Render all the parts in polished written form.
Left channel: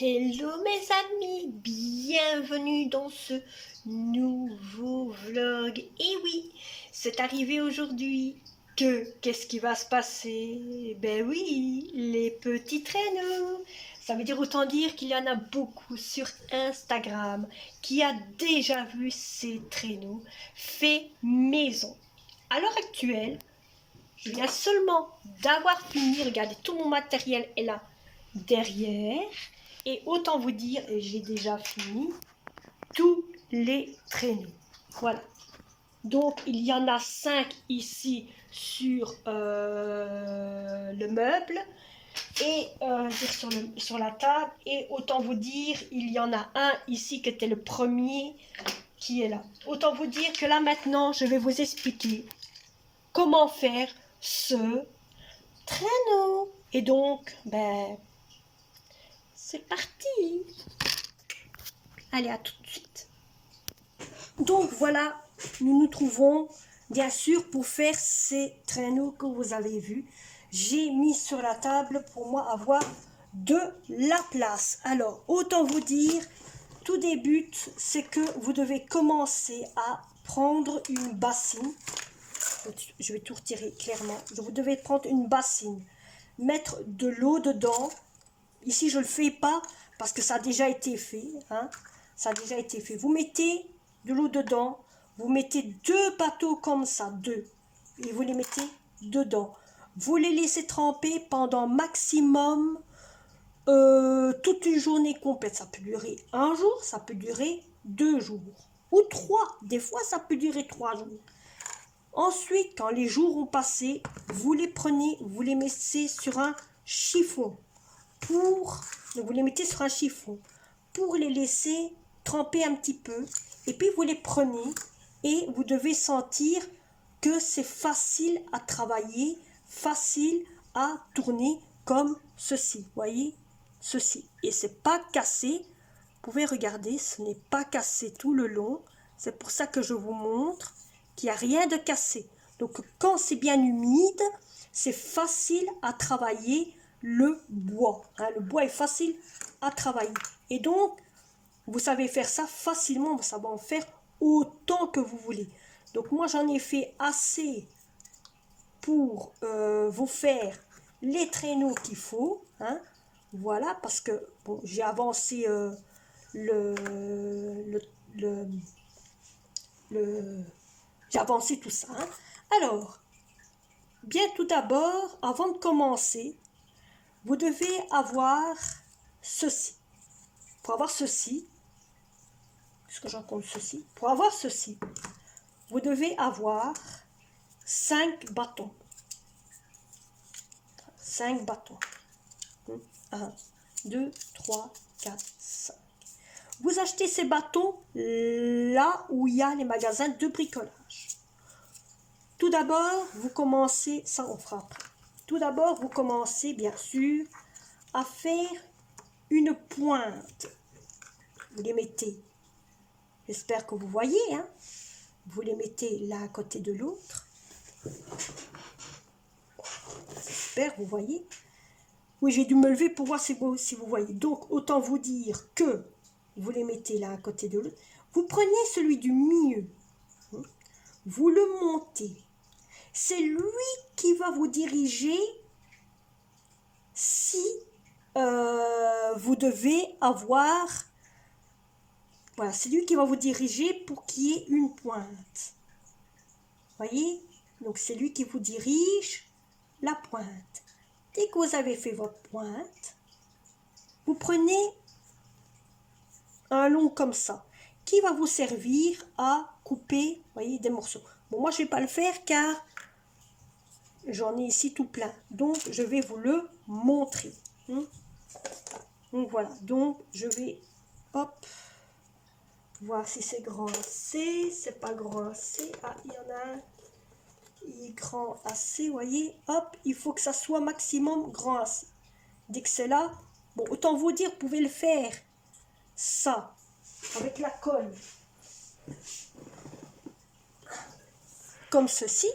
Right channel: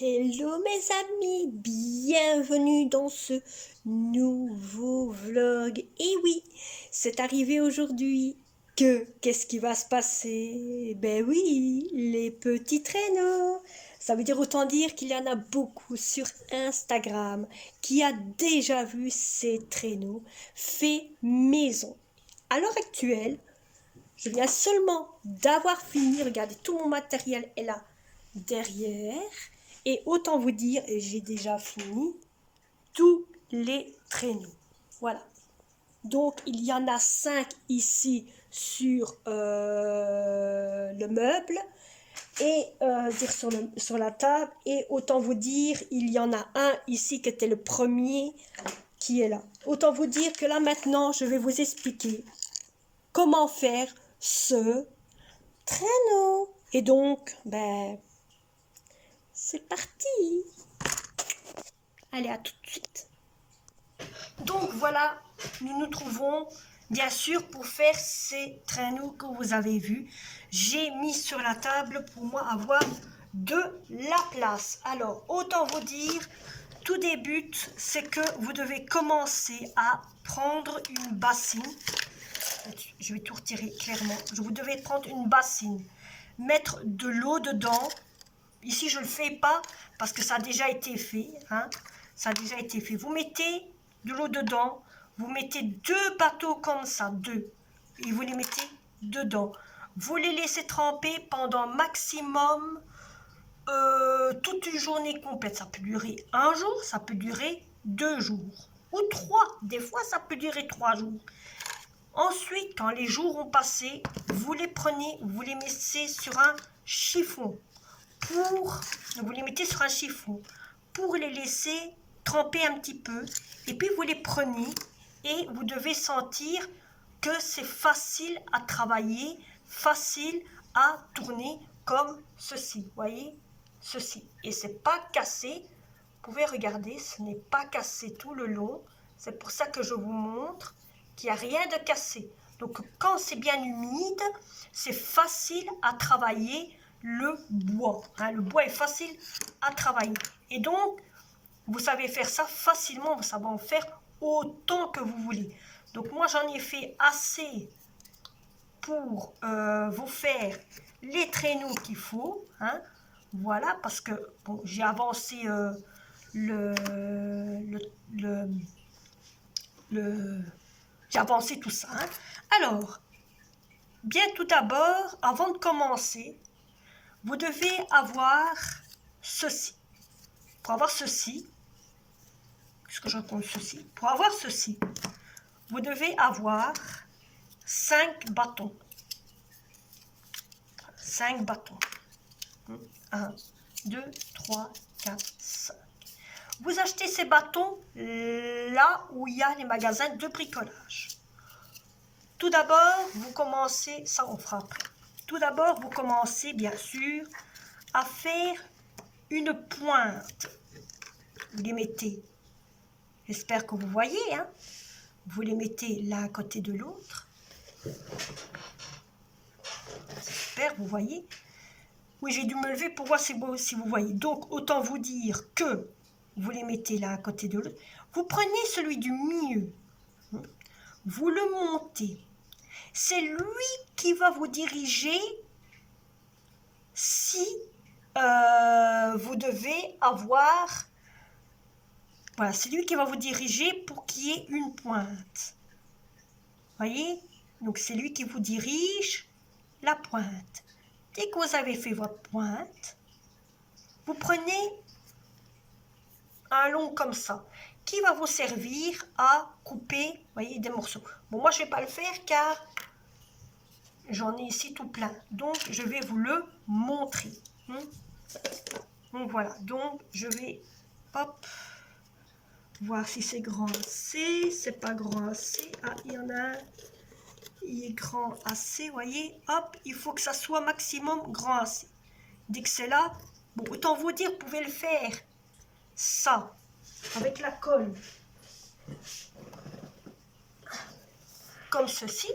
Hello mes amis, bienvenue dans ce nouveau vlog. Et oui, c'est arrivé aujourd'hui que qu'est-ce qui va se passer? Ben oui, les petits traîneaux. Ça veut dire autant dire qu'il y en a beaucoup sur Instagram qui a déjà vu ces traîneaux faits maison. À l'heure actuelle, je viens seulement d'avoir fini, regardez, tout mon matériel est là derrière. Et autant vous dire, j'ai déjà fini tous les traîneaux. Voilà. Donc, il y en a 5 ici sur le meuble et sur la table. Et autant vous dire, il y en a un ici qui était le premier qui est là. Autant vous dire que là maintenant, je vais vous expliquer comment faire ce traîneau. Et donc, ben, c'est parti. Allez, à tout de suite. Donc voilà, nous nous trouvons bien sûr pour faire ces traîneaux que vous avez vus. J'ai mis sur la table pour moi avoir de la place. Alors, autant vous dire, tout débute, c'est que vous devez commencer à prendre une bassine. Je vais tout retirer clairement. Vous devez prendre une bassine, mettre de l'eau dedans. Ici, je ne le fais pas parce que ça a déjà été fait. Hein. Ça a déjà été fait. Vous mettez de l'eau dedans. Vous mettez 2 bateaux comme ça, 2. Et vous les mettez dedans. Vous les laissez tremper pendant maximum toute une journée complète. Ça peut durer 1 jour, ça peut durer 2 jours. Ou 3. Des fois, ça peut durer 3 jours. Ensuite, quand les jours ont passé, vous les prenez, vous les mettez sur un chiffon. Vous les mettez sur un chiffon pour les laisser tremper un petit peu. Et puis, vous les prenez et vous devez sentir que c'est facile à travailler, facile à tourner comme ceci. Voyez, ceci. Et c'est pas cassé. Vous pouvez regarder, ce n'est pas cassé tout le long. C'est pour ça que je vous montre qu'il n'y a rien de cassé. Donc, quand c'est bien humide, c'est facile à travailler le bois. Hein, le bois est facile à travailler. Et donc, vous savez faire ça facilement. Vous savez en faire autant que vous voulez. Donc, moi, j'en ai fait assez pour vous faire les traîneaux qu'il faut. Hein. Voilà, parce que bon, j'ai avancé j'ai avancé tout ça. Hein. Alors, bien tout d'abord, avant de commencer, vous devez avoir ceci. Pour avoir ceci, puisque j'en compte ceci, pour avoir ceci, vous devez avoir 5 bâtons. 5 bâtons. 1, 2, 3, 4, 5. Vous achetez ces bâtons là où il y a les magasins de bricolage. Tout d'abord, vous commencez, ça on fera après. Tout d'abord, vous commencez bien sûr à faire une pointe. Vous les mettez, j'espère que vous voyez, hein. Vous les mettez l'un à côté de l'autre. J'espère, vous voyez. Oui, j'ai dû me lever pour voir si vous voyez. Donc, autant vous dire que vous les mettez l'un à côté de l'autre. Vous prenez celui du milieu. Vous le montez. C'est lui qui va vous diriger si vous devez avoir... Voilà, c'est lui qui va vous diriger pour qu'il y ait une pointe. Voyez? Donc, c'est lui qui vous dirige la pointe. Dès que vous avez fait votre pointe, vous prenez un long comme ça, qui va vous servir à couper, voyez, des morceaux. Bon, moi, je ne vais pas le faire car j'en ai ici tout plein. Donc, je vais vous le montrer. Donc, voilà. Donc, je vais, hop, voir si c'est grand assez. C'est pas grand assez. Ah, il y en a un. Il est grand assez, voyez. Hop, il faut que ça soit maximum grand assez. Dès que c'est là, bon, autant vous dire, vous pouvez le faire. Ça, avec la colle. Comme ceci.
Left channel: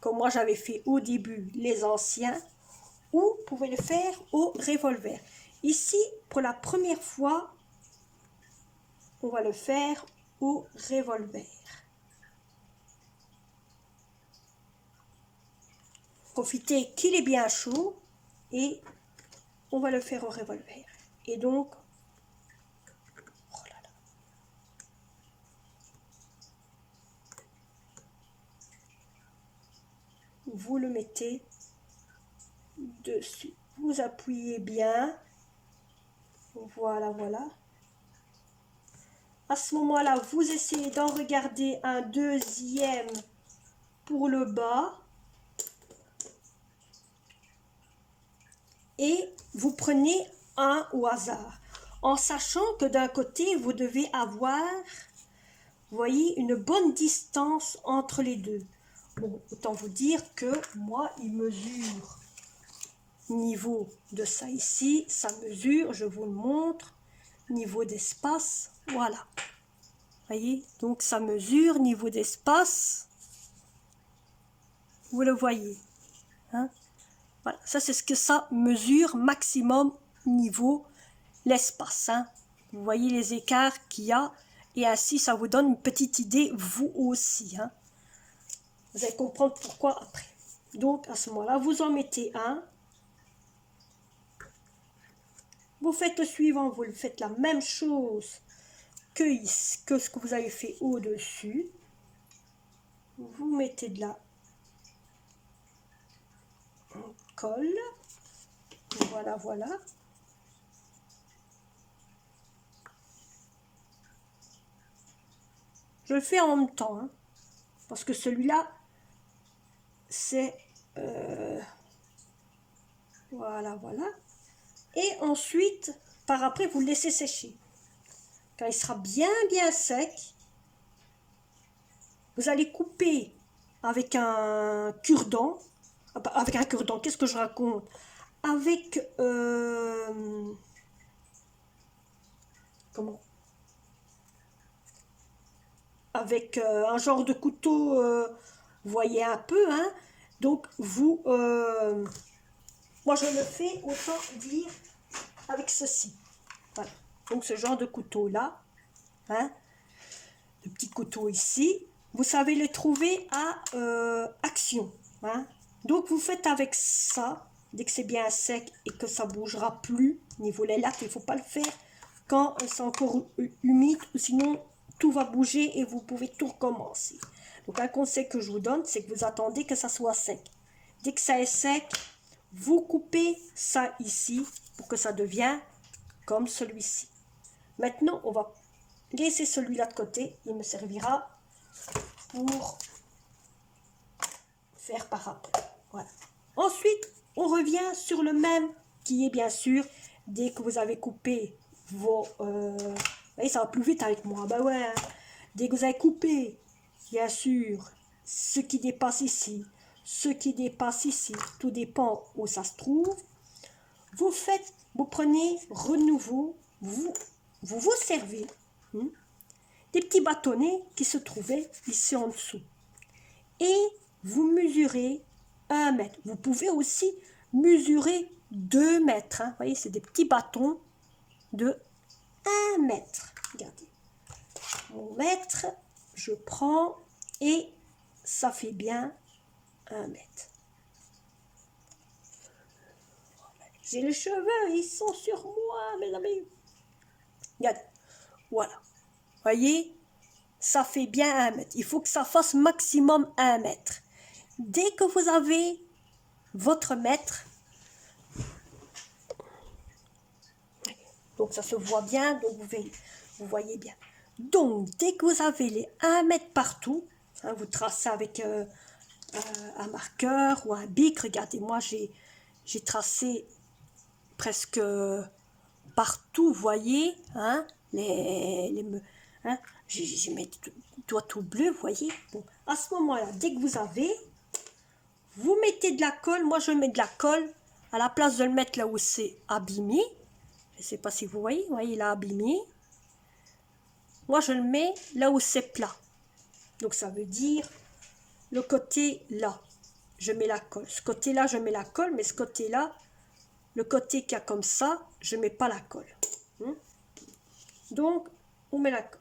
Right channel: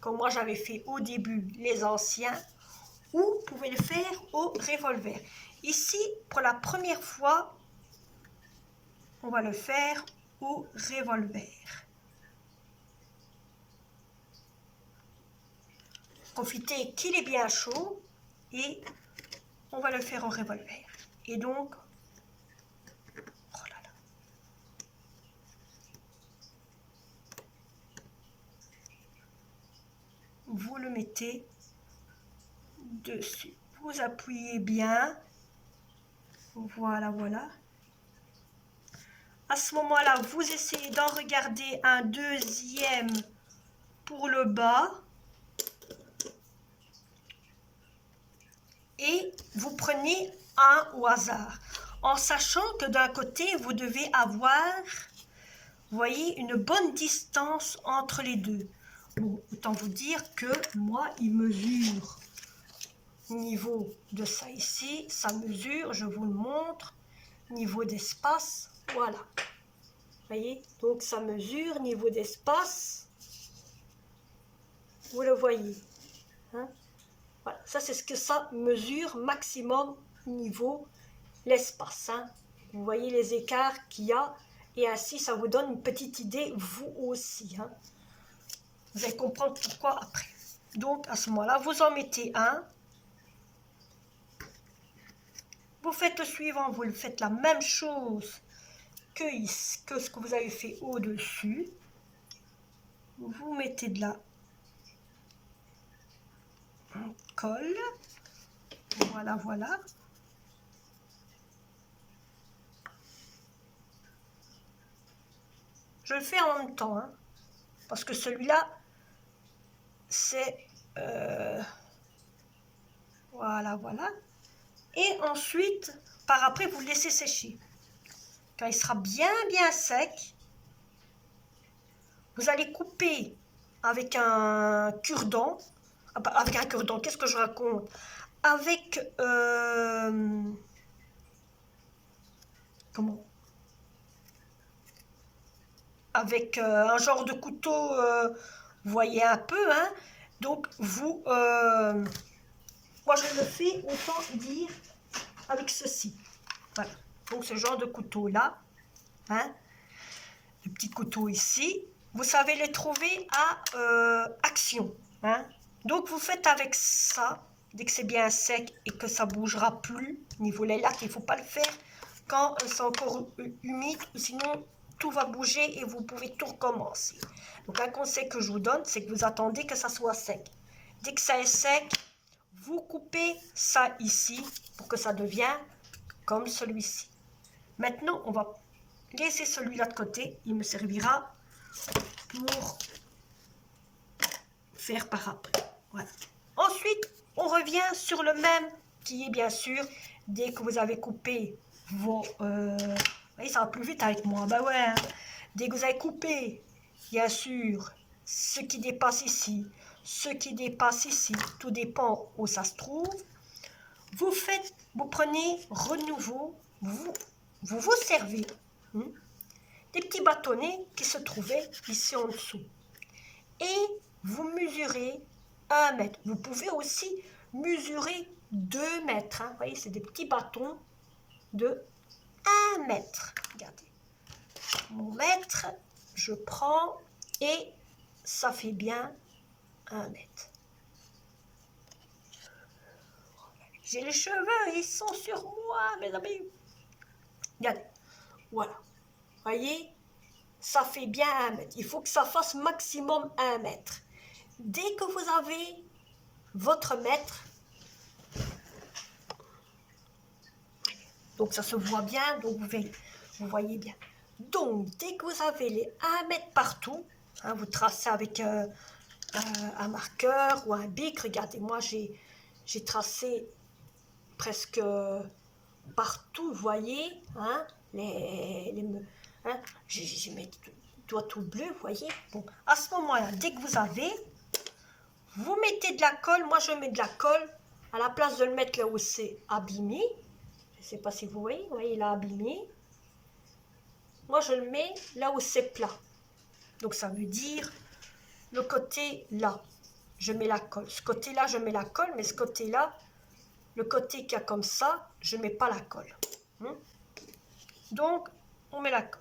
Comme moi j'avais fait au début les anciens, ou vous pouvez le faire au revolver. Ici, pour la première fois, on va le faire au revolver. Profitez qu'il est bien chaud et on va le faire au revolver. Et donc, oh là là. Vous le mettez dessus. Vous appuyez bien. Voilà, voilà. À ce moment-là, vous essayez d'en regarder un deuxième pour le bas. Et vous prenez un au hasard. En sachant que d'un côté, vous devez avoir, vous voyez, une bonne distance entre les deux. Bon, autant vous dire que moi, il mesure niveau de ça ici, ça mesure, je vous le montre, niveau d'espace, voilà. Voyez, donc ça mesure niveau d'espace, vous le voyez. Hein? Voilà, ça c'est ce que ça mesure maximum niveau l'espace. Hein? Vous voyez les écarts qu'il y a et ainsi ça vous donne une petite idée vous aussi. Hein? Vous allez comprendre pourquoi après. Donc à ce moment-là, vous en mettez un. Vous faites le suivant, vous le faites la même chose que ce que vous avez fait au-dessus. Vous mettez de la colle. Voilà, voilà. Je le fais en même temps, hein, parce que celui-là, c'est... voilà, voilà. Et ensuite, par après, vous le laissez sécher. Quand il sera bien sec, vous allez couper avec un cure-dent. Avec un cure-dent, qu'est-ce que je raconte? Avec... comment? Avec un genre de couteau, vous voyez un peu, hein? Donc, vous... moi, je le fais, autant dire, avec ceci. Voilà. Donc, ce genre de couteau-là, hein? Le petit couteau ici, vous savez les trouver à Action. Hein? Donc, vous faites avec ça, dès que c'est bien sec et que ça bougera plus, niveau les lattes, il ne faut pas le faire quand c'est encore humide, sinon tout va bouger et vous pouvez tout recommencer. Donc, un conseil que je vous donne, c'est que vous attendez que ça soit sec. Dès que ça est sec, vous coupez ça ici pour que ça devienne comme celui-ci. Maintenant, on va laisser celui-là de côté. Il me servira pour faire par après. Voilà. Ensuite, on revient sur le même qui est bien sûr, dès que vous avez coupé vos... vous voyez, ça va plus vite avec moi. Ben ouais. Hein. Dès que vous avez coupé, bien sûr, ce qui dépasse ici, ce qui dépasse ici, tout dépend où ça se trouve. Vous faites, vous prenez renouveau, vous servez des petits bâtonnets qui se trouvaient ici en dessous. Et vous mesurez 1 mètre. Vous pouvez aussi mesurer 2 mètres. Hein. Vous voyez, c'est des petits bâtons de 1 mètre. Regardez. Mon mètre, je prends et ça fait bien 1 mètre. J'ai les cheveux, ils sont sur moi, mes amis. Regardez. Voilà. Voyez, ça fait bien 1 mètre. Il faut que ça fasse maximum 1 mètre. Dès que vous avez votre mètre, donc ça se voit bien, donc vous voyez bien. Donc, dès que vous avez les 1 mètre partout, hein, vous tracez avec un marqueur ou un bic. Regardez, moi j'ai tracé presque partout, vous voyez, hein, hein, j'ai mis doigt tout bleu, vous voyez. Bon, à ce moment-là, dès que vous avez, vous mettez de la colle. Moi, je mets de la colle à la place de le mettre là où c'est abîmé. Je ne sais pas si vous voyez, là, abîmé. Moi, je le mets là où c'est plat. Donc, ça veut dire le côté là, je mets la colle. Ce côté-là, je mets la colle, mais ce côté-là, le côté qu'il y a comme ça, je mets pas la colle. Donc, on met la colle.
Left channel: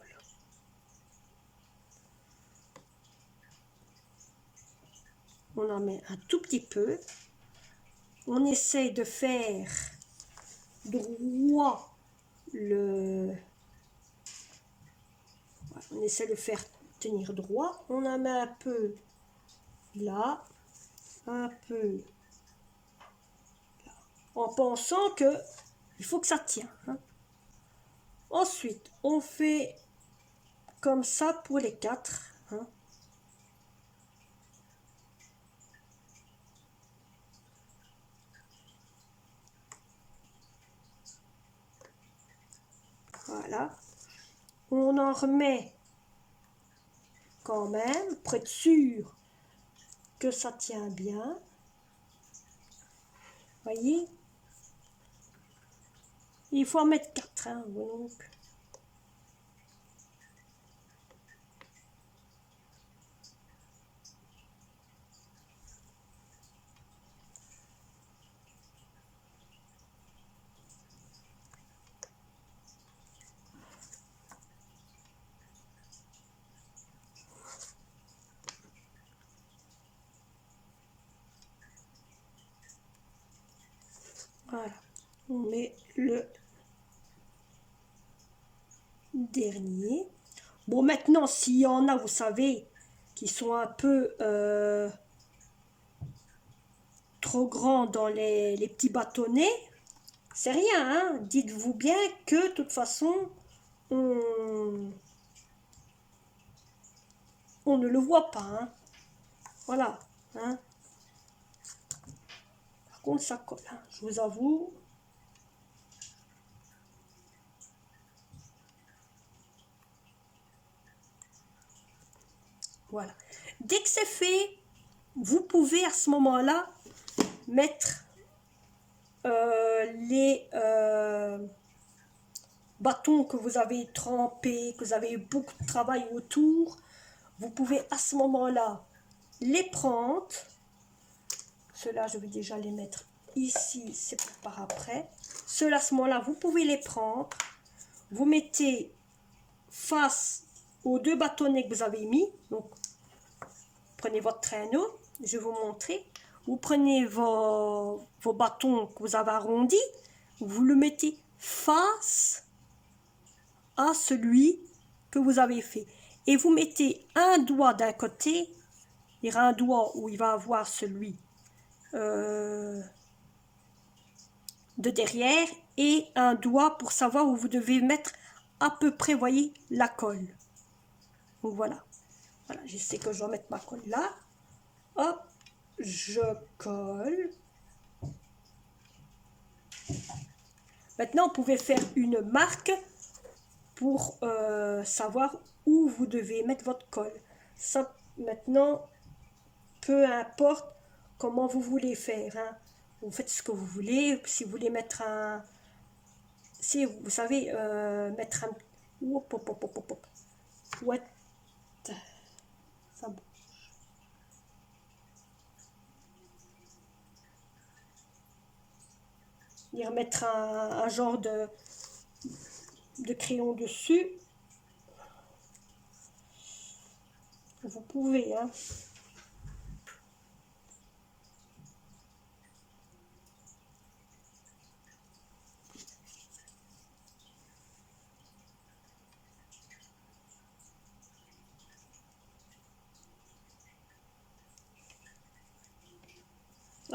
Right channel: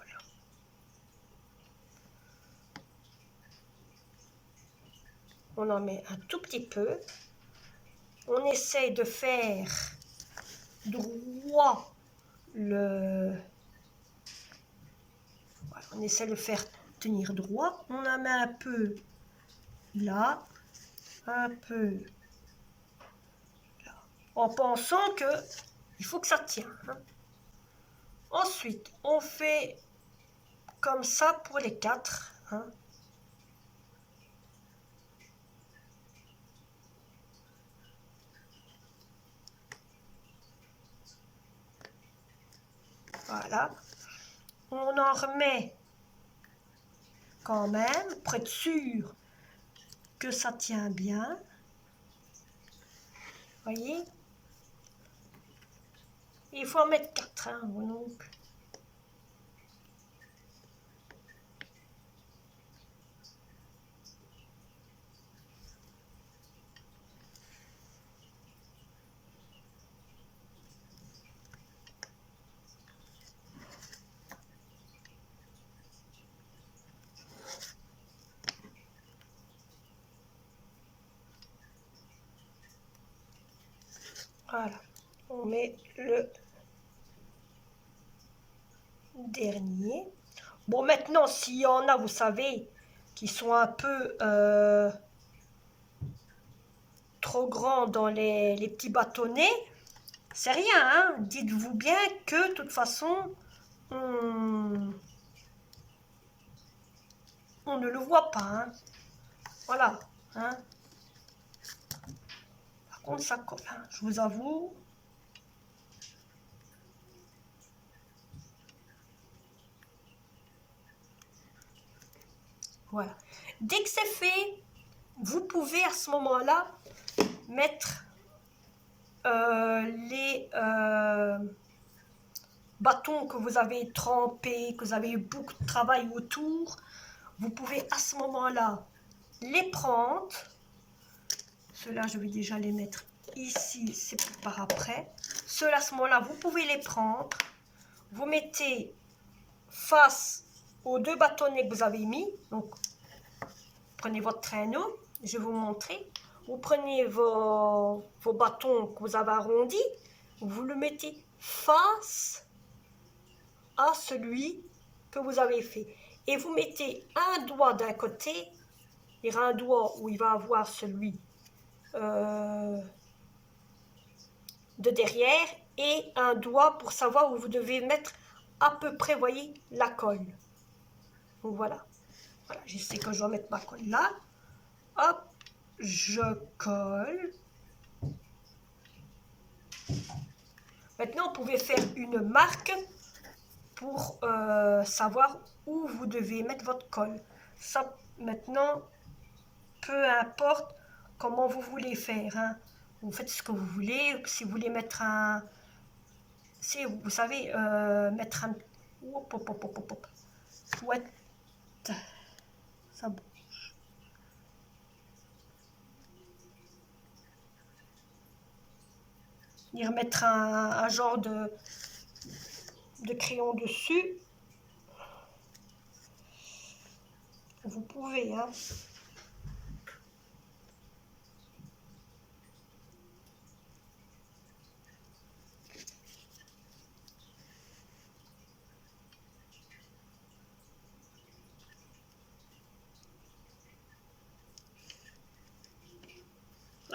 On en met un tout petit peu. On essaie de faire droit le... Voilà, on essaie de faire tenir droit. On en met un peu là, un peu là, en pensant que il faut que ça tienne. Ensuite, on fait comme ça pour les 4. Voilà. On en remet quand même pour être sûr que ça tient bien. Voyez, il faut en mettre 4. Donc. Voilà, on met le dernier. Bon, maintenant, s'il y en a, vous savez, qui sont un peu trop grands dans les petits bâtonnets, c'est rien, dites-vous bien que de toute façon, on ne le voit pas. Voilà. Par contre, ça colle, je vous avoue. Voilà. Dès que c'est fait, vous pouvez à ce moment-là mettre les bâtons que vous avez trempés, que vous avez eu beaucoup de travail autour. Vous pouvez à ce moment-là les prendre. Ceux-là, je vais déjà les mettre ici, c'est pour par après. Ceux-là, à ce moment-là, vous pouvez les prendre. Vous mettez face aux 2 bâtonnets que vous avez mis. Donc, prenez votre traîneau, je vais vous montrer. Vous prenez vos bâtons que vous avez arrondis, vous le mettez face à celui que vous avez fait. Et vous mettez un doigt d'un côté, il y aura un doigt où il va avoir celui de derrière et un doigt pour savoir où vous devez mettre à peu près, voyez, la colle. Donc voilà. Voilà, je sais que je dois mettre ma colle là. Hop, je colle. Maintenant, vous pouvez faire une marque pour savoir où vous devez mettre votre colle. Ça, maintenant, peu importe comment vous voulez faire. Vous faites ce que vous voulez. Si vous voulez mettre un... Si vous savez, mettre un... Hop, hop, hop, hop, hop. Ouais. Ça bouge. Y remettre un genre de crayon dessus. Vous pouvez,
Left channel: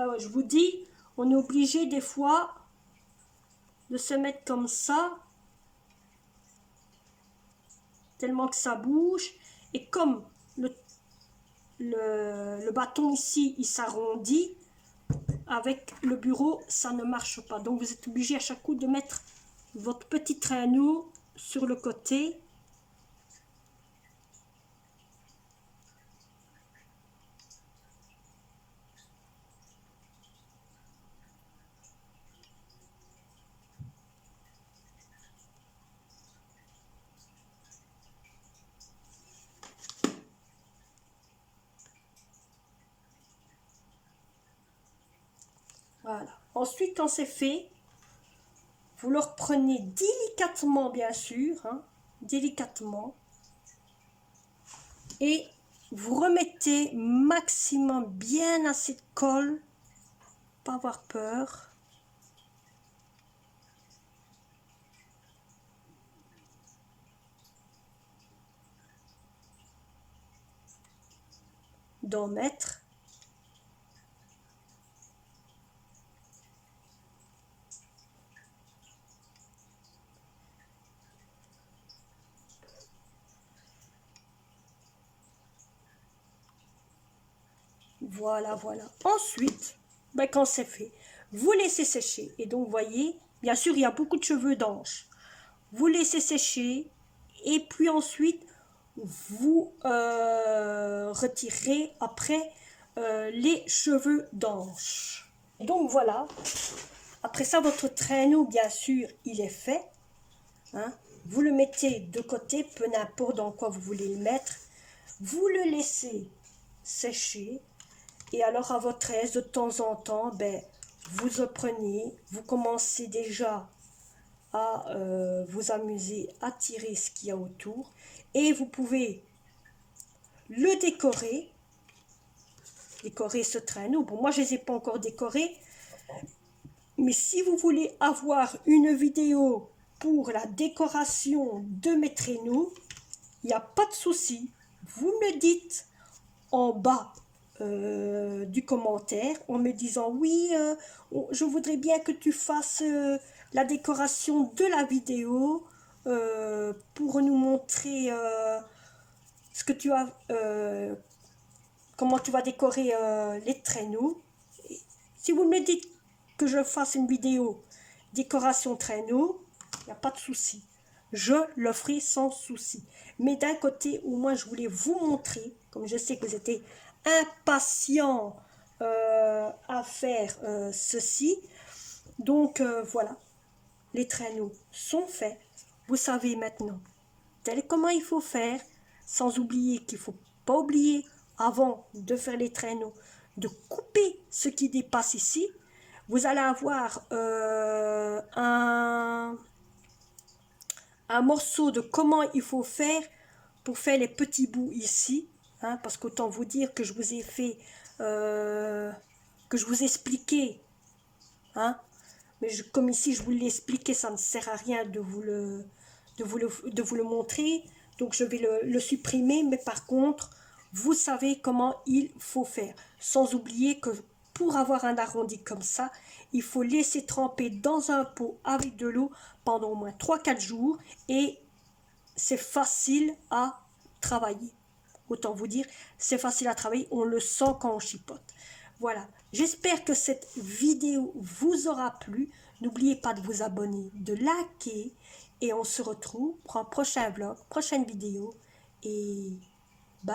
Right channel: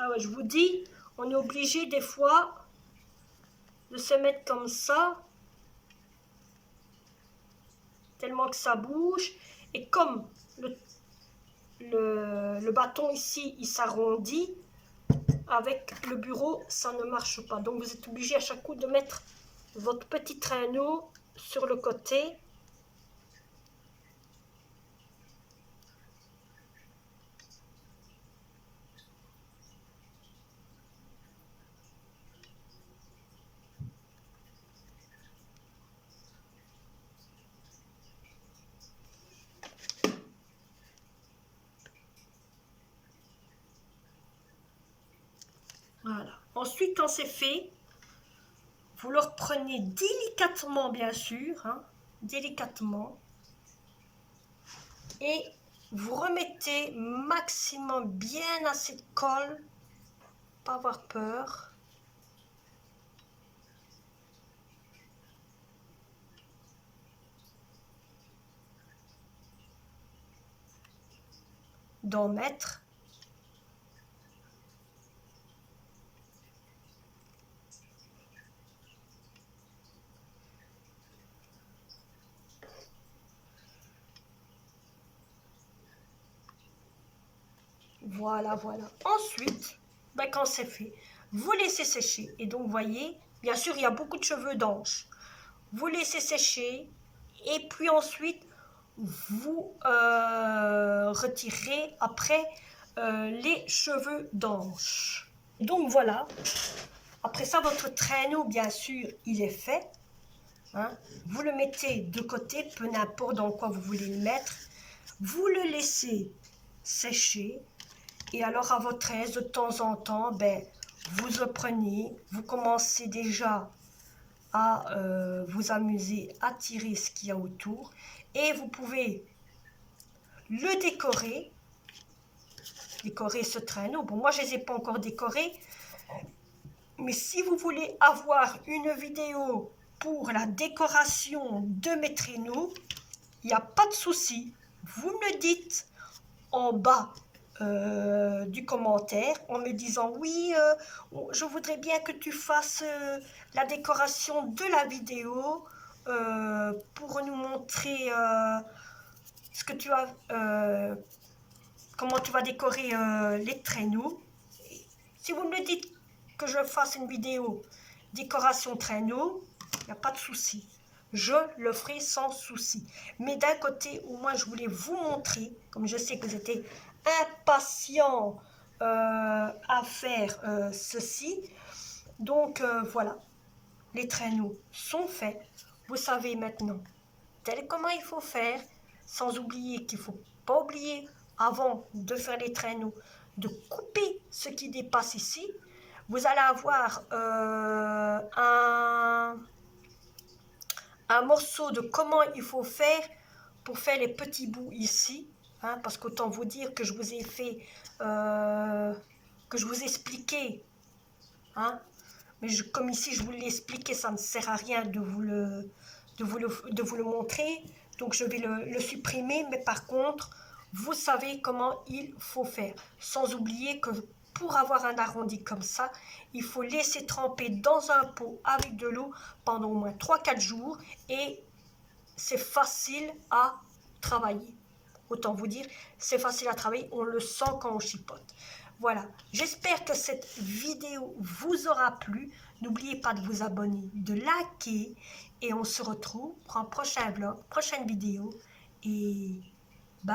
Ah ouais, je vous dis, on est obligé des fois de se mettre comme ça, tellement que ça bouge. Et comme le bâton ici, il s'arrondit, avec le bureau, ça ne marche pas. Donc vous êtes obligé à chaque coup de mettre votre petit traîneau sur le côté. Voilà. Ensuite, quand c'est fait, vous le reprenez délicatement, bien sûr, hein, délicatement, et vous remettez maximum bien assez de colle, pas avoir peur. D'en mettre. Voilà, voilà. Ensuite, ben, quand c'est fait, vous laissez sécher. Et donc, vous voyez, bien sûr, il y a beaucoup de cheveux d'ange. Vous laissez sécher. Et puis ensuite, vous retirez après les cheveux d'ange. Donc, voilà. Après ça, votre traîneau, bien sûr, il est fait. Hein. Vous le mettez de côté, peu n'importe dans quoi vous voulez le mettre. Vous le laissez sécher. Et alors, à votre aise, de temps en temps, ben, vous le prenez, vous commencez déjà à vous amuser à tirer ce qu'il y a autour. Et vous pouvez le décorer ce traîneau. Bon, moi, je ne les ai pas encore décorés. Mais si vous voulez avoir une vidéo pour la décoration de mes traîneaux, il n'y a pas de souci. Vous me le dites en bas du commentaire en me disant oui, je voudrais bien que tu fasses la décoration de la vidéo pour nous montrer ce que tu as, comment tu vas décorer les traîneaux. Si vous me dites que je fasse une vidéo décoration traîneau, il n'y a pas de souci. Je le ferai sans souci. Mais d'un côté, au moins, je voulais vous montrer, comme je sais que vous étiez impatient à faire ceci. Donc, voilà. Les traîneaux sont faits. Vous savez maintenant tel comment il faut faire, sans oublier qu'il ne faut pas oublier, avant de faire les traîneaux, de couper ce qui dépasse ici. Vous allez avoir un morceau de comment il faut faire pour faire les petits bouts ici, hein, parce qu'autant vous dire que je vous ai fait, que je vous ai expliqué, hein, mais comme ici je vous l'ai expliqué, ça ne sert à rien de vous le montrer, donc je vais le supprimer, mais par contre, vous savez comment il faut faire, sans oublier que pour avoir un arrondi comme ça, il faut laisser tremper dans un pot avec de l'eau pendant au moins 3-4 jours et c'est facile à travailler. Autant vous dire, c'est facile à travailler, on le sent quand on chipote. Voilà, j'espère que cette vidéo vous aura plu. N'oubliez pas de vous abonner, de liker et on se retrouve pour un prochain vlog, prochaine vidéo et bye.